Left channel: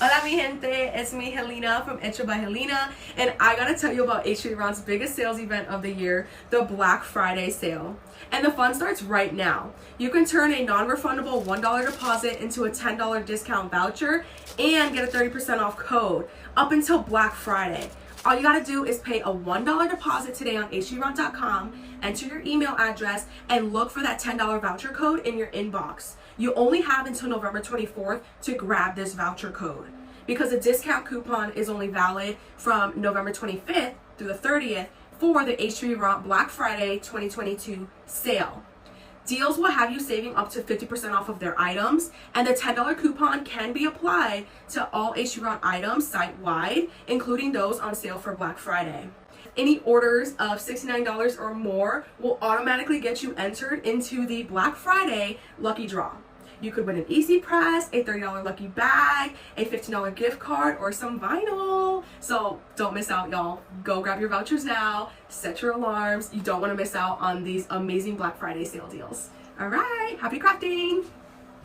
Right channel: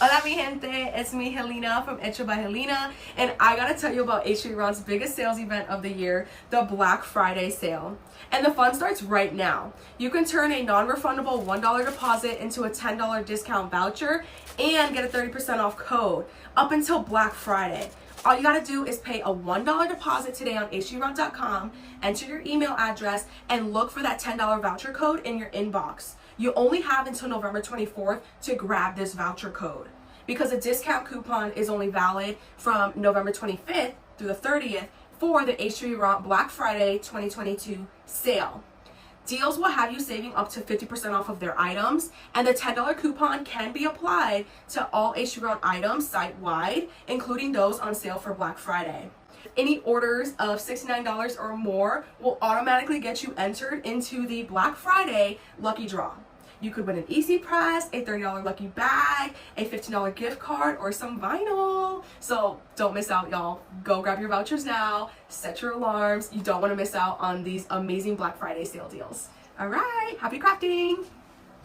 Hola mi gente, it's me Helena from Hecho by Helena, and I gotta tell you about Htvront biggest sales event of the year, the Black Friday sale. And the fun starts right now. You can turn a non-refundable $1 deposit into a $10 discount voucher and get a 30% off code up until Black Friday. All you gotta do is pay a $1 deposit today on Htvront.com, enter your email address, and look for that $10 voucher code in your inbox. You only have until November 24th to grab this voucher code because the discount coupon is only valid from November 25th through the 30th for the Htvront Black Friday 2022 sale. Deals will have you saving up to 50% off of their items, and the $10 coupon can be applied to all Htvront items site-wide, including those on sale for Black Friday. Any orders of $69 or more will automatically get you entered into the Black Friday lucky draw. You could win an Easy Press, a $30 lucky bag, a $15 gift card, or some vinyl. So don't miss out, y'all. Go grab your vouchers now, set your alarms. You don't want to miss out on these amazing Black Friday sale deals. All right, happy crafting.